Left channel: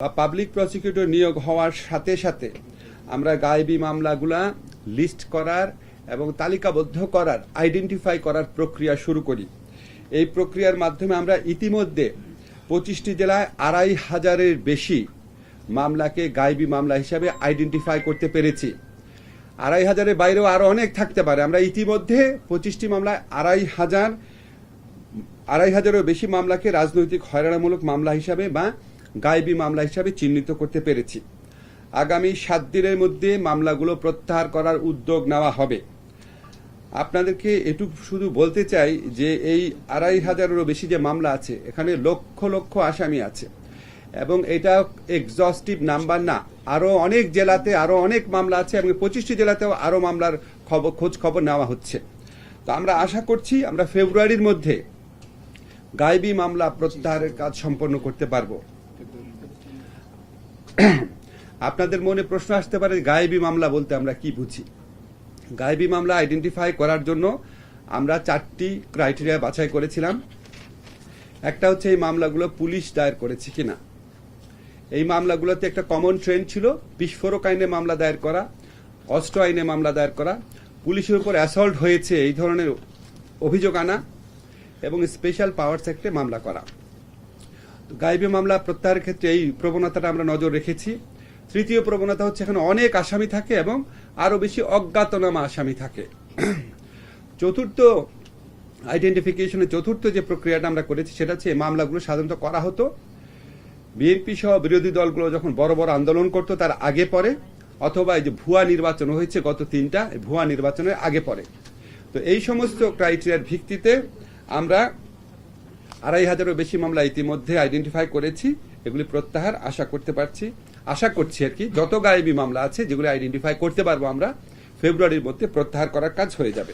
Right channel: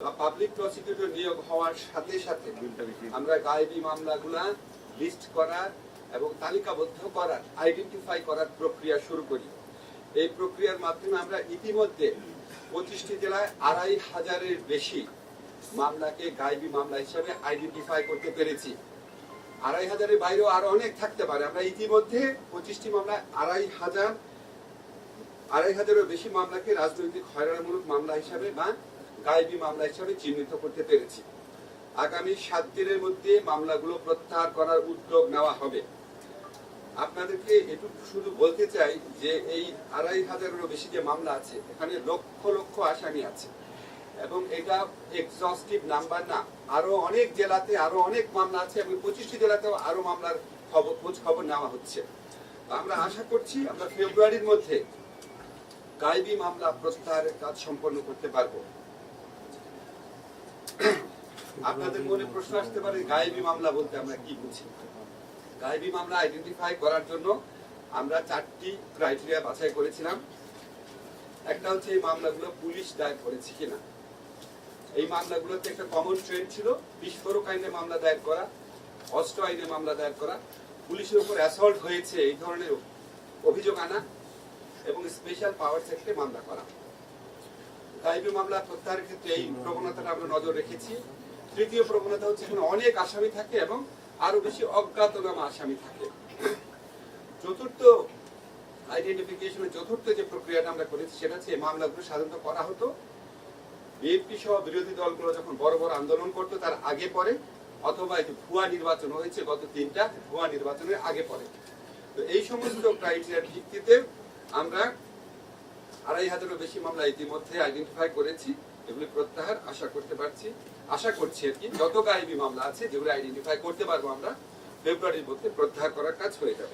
Public prosecutor নিয়োগ হওয়ার সাথে সাথে আমরা গায়েবী মামলাগুলা লিস্ট করার এবং তালিকাবদ্ধ করার আইডেন্টিফাই করার প্রক্রিয়া শুরু করি। এই প্রক্রিয়ার মাধ্যমে আমরা ইতিমধ্যে 25টি জেলায় 2500-এর বেশি মামলাকে গায়েবী মামলা হিসাবে আইডেন্টিফাই করতে পেরেছি। 2500-এর বাইরেও আরো অনেক থাকতে পারে। আমরা ইতিমধ্যে 25টি মামলায় 2500-এরও বেশি মামলাকে রাজনৈতিক হয়রানিমূলক মামলা হিসাবে বা গায়েবী মামলা হিসাবে চিহ্নিত করতে পেরেছি। আগামী 7 দিনের মধ্যে মামলাগুলো প্রত্যাহার করার উদ্যোগ নেওয়া হবে। আপনাদেরকে এটুকু শুধু বলতে চাই যে এই 2500-এরও বেশি যে মামলা আছে, এখানে লক্ষ লক্ষ আসামি আছে এবং এটা এক্সস্টিভ নাম্বার না। আরো অনেক জেলাতে আরো অনেক মামলা আছে এবং 25টি জেলাতেও আরো মামলার খোঁজ খবর নেওয়া হচ্ছে। তো আমরা আশা করছি আমরা ফেব্রুয়ারির মধ্যে গায়েবী মামলা প্রত্যাহারের কাজ সম্পন্ন করতে পারবো। আপনাদের মনে প্রশ্ন আসতে পারে গায়েবী মামলা বলতে আমরা কি বুঝি। গায়েবী মামলা আইডেন্টিফাই করার জন্য আমরা 4টি ক্রাইটেরিয়া বাছাই করেছিলাম। একটা হচ্ছে এই মামলাগুলো পুলিশ দায়ের করেছে কিনা। এই মামলাগুলোতে একটা কমন ট্রেন্ড ছিল বিস্ফোরক আইনে মামলা দায়ের করা, অস্ত্র আইনে মামলা দায়ের করা, পুলিশের উপর অ্যাসল্ট হয়েছে এই ধরনের অভিযোগ আনা এবং স্পেশাল পাওয়ার সেক্টরে মামলা করা। গায়েবী মামলা প্রত্যাহারের ক্ষেত্রে এই প্রবণতাটা আমরা নজর রেখেছি। তৃতীয় প্রবণতা হচ্ছে এখানে অনেক আসামি থাকে এবং আরো বেশি অজ্ঞাতনামা আসামি থাকে। চতুর্থ আইডেন্টিফিকেশনের চতুর্থ যে প্রক্রিয়াটা আমরা করেছি সেটা হচ্ছে এই মামলাগুলো সাধারণত করা হতো বিএনপি সহ বিরোধী দলগুলো যখন বড় বড় আন্দোলন করতো তার আগে পরে, অথবা এই যে ভুয়া নির্বাচন হয়েছে গত 3টা ভুয়া নির্বাচনের আগে পরে। তো এই সমস্ত ক্রাইটেরিয়ার ভিত্তিতে আমরা 2500-এরও বেশি মামলা ইতিমধ্যে আইডেন্টিফাই করেছি। এগুলি প্রত্যাহার আশা করছি আর কি। যত গায়েবী মামলা আছে যেগুলি আইডেন্টিফাই করতে পারবো আমরা ফেব্রুয়ারির মধ্যে প্রত্যাহার করার কাজ হয়ে যাবে।